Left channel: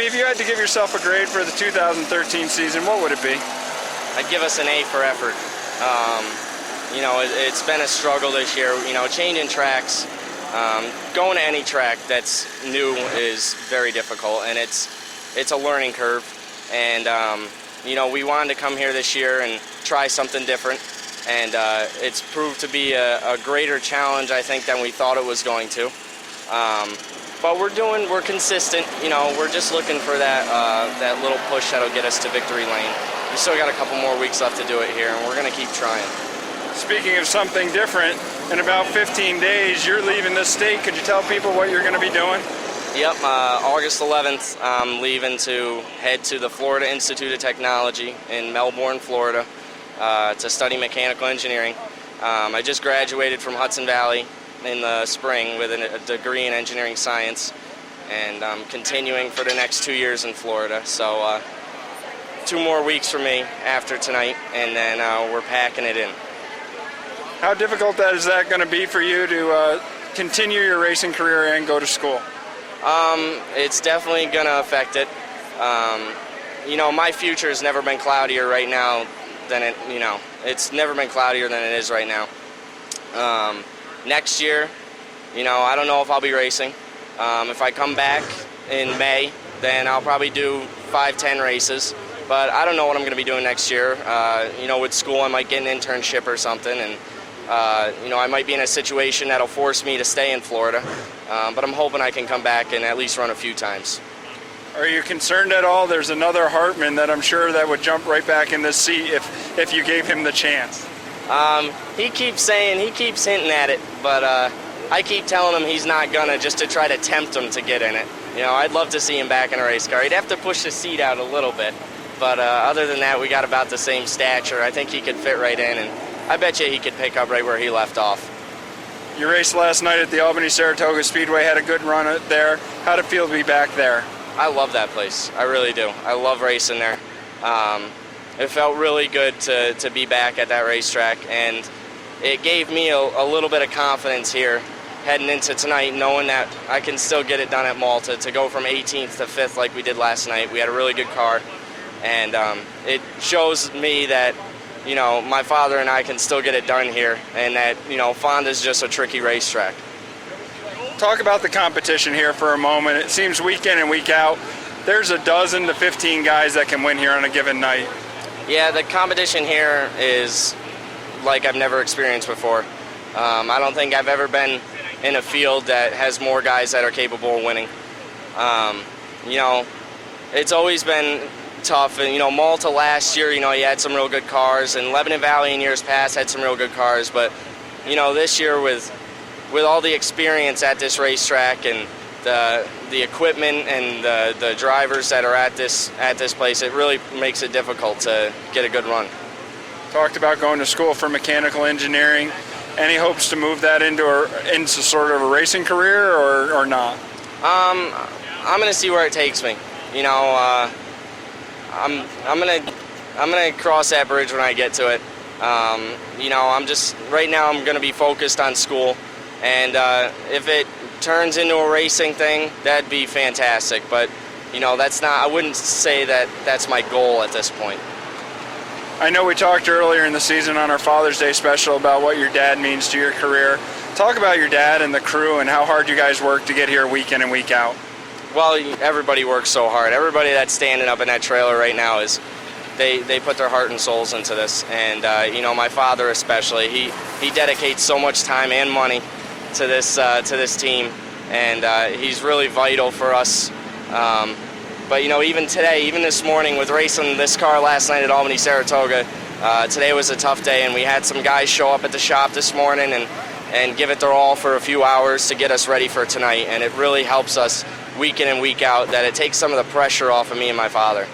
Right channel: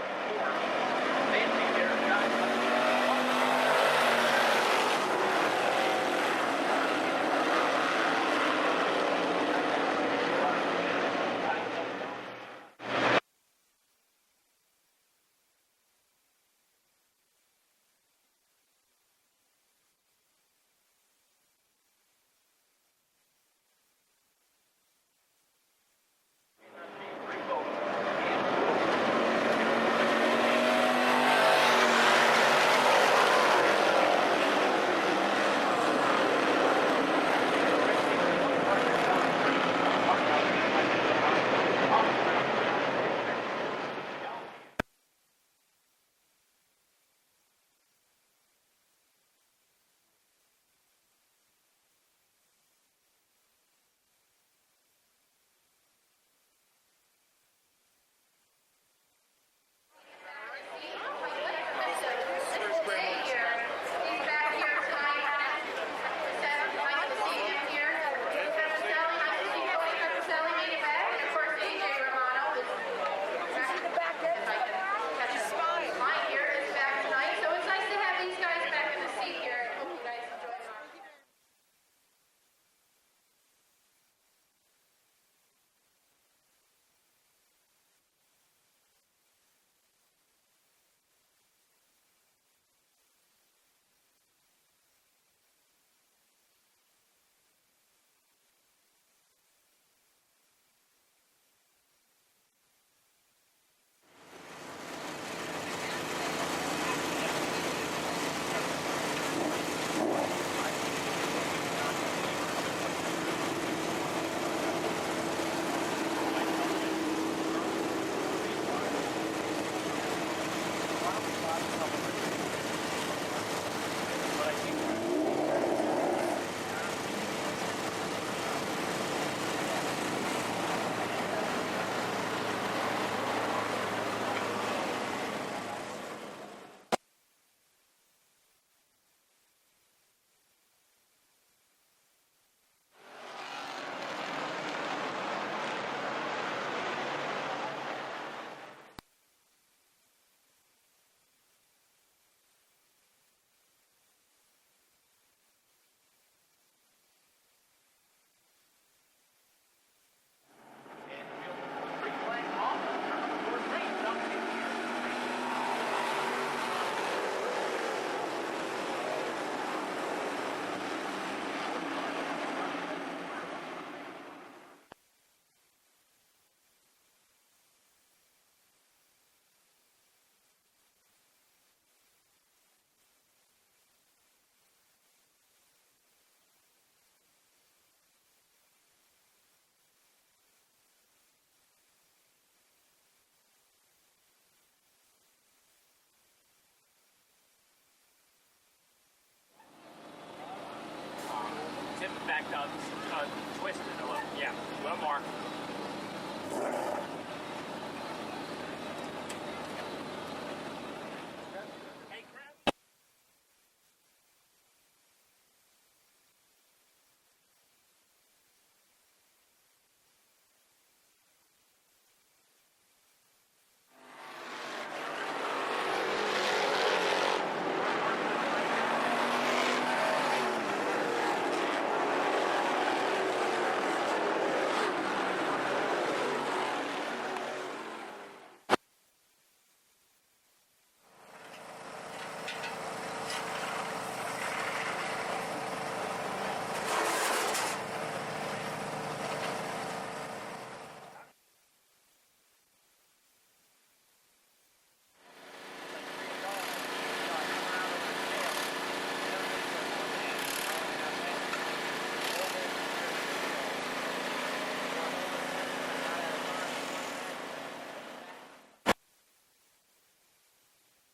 Jimmy, if you had to give yourself a grade for the 2013 season, what would it be? I'd give us an A for effort. You know, it's been a struggle this year. You know, changing tracks, going to any track that's new is very difficult, and it's a learning curve. And you know, we wanted to come here this year and try something different, and it's proved to be a greater challenge, I think, than we thought it was going to. But we're consistent. You know, we're just looking for that little push that'll get us to victory lane. We still got a couple more weeks left to do it here, and we're gonna keep trying. Speaking of something different, in about 15 days, you're leaving the state. Could you tell people what you're gonna be doing? Yep, August 11th, I'm leaving to head to the Florida Institute of Technology in Melbourne, Florida, to study mechanical engineering. I just graduated from Hudson Valley in the spring with a degree in engineering science, and I'm continuing for the next 2 years in Florida. So 2 more weeks for me after tonight, and then we're packing it in. How difficult is that going to be for you to continue your racing career and go to school? It's definitely going to affect it. You know, my future has never been cloudier right now than it, you know, it's never been cloudier than it is right now. Next year, you know, I don't know if I'll be racing. If I come back in May, then I'll probably do 5-10 races. But I don't know what I'm going to be doing next year. You know, with school, I might get an internship or something, and you know, I might be in a situation that'll force me to stay in Florida. But I'm hoping I can come back and at least run a few times. Are you concerned at all? There's another Hartman that I'm sure that would jump right back in this seat if you gave him the chance. He keeps hinting at it, but I keep telling him he's not gonna, just to try to tempt him to get in it. You know, I'd love to see him back in a race car. He'd have to push the seat out a little bit, but other than that, we got about the same stature. I think he could fit right in, and I bet you he could pick up right where he left off. You raced last night at the Albany-Saratoga Speedway, had a good run there. How'd it feel to be back there? I love that place. I really do. I love racing there. It felt really good to be back at that racetrack, and it gave me a little bit of confidence here heading into tonight, knowing that I can still get it done at Malta, to go from 18th to 5th like we did last night. We had a really good car, and it shows me that, you know, my father and I can still get it done here, and that, you know, Fonda's just a tricky racetrack. Talk about the competition here for a moment. It seems week in and week out, there's a dozen to 15 guys that can win here on a given night. Yeah, the competition here is like I've never experienced before. I don't think I've ever been in a field that has more guys that are capable of winning. You know, it's always been tough, and you know, Malta last year, you know, you had some real good cars, and Lebanon Valley in years past had some real good cars, but you know, this year with all the experience at this racetrack and the equipment and the drivers that are at this place, it really makes it difficult to get a good run. Talked about going to school for mechanical engineering. Any hopes to move that into sort of a racing career, or not? I'm gonna see where it takes me. You know, I'm gonna cross that bridge when I get to it. You know, right now I'm gonna be focused on school, and if it turns into a racing thing, that'd be fantastic. But you know, I wouldn't say that that's my goal at this point. I know we talked earlier in the season on our Father's Day special about what your dad means to your career. Talk about your dad and the crew and how hard you guys work to get here week in and week out. Well, everybody works so hard. Everybody that's standing up in that trailer right now they put their heart and souls into this. And you know, my father especially, he dedicates so much time and money to this team, and he's really vital for us. But you know, even today, even this morning with racing this car last night at Albany-Saratoga, today was a tough day, and we had some guys show up at the shop this morning and give it their all for a few hours to get us ready for tonight. And it really helps us week in and week out, that it takes some of the pressure off of me and my father.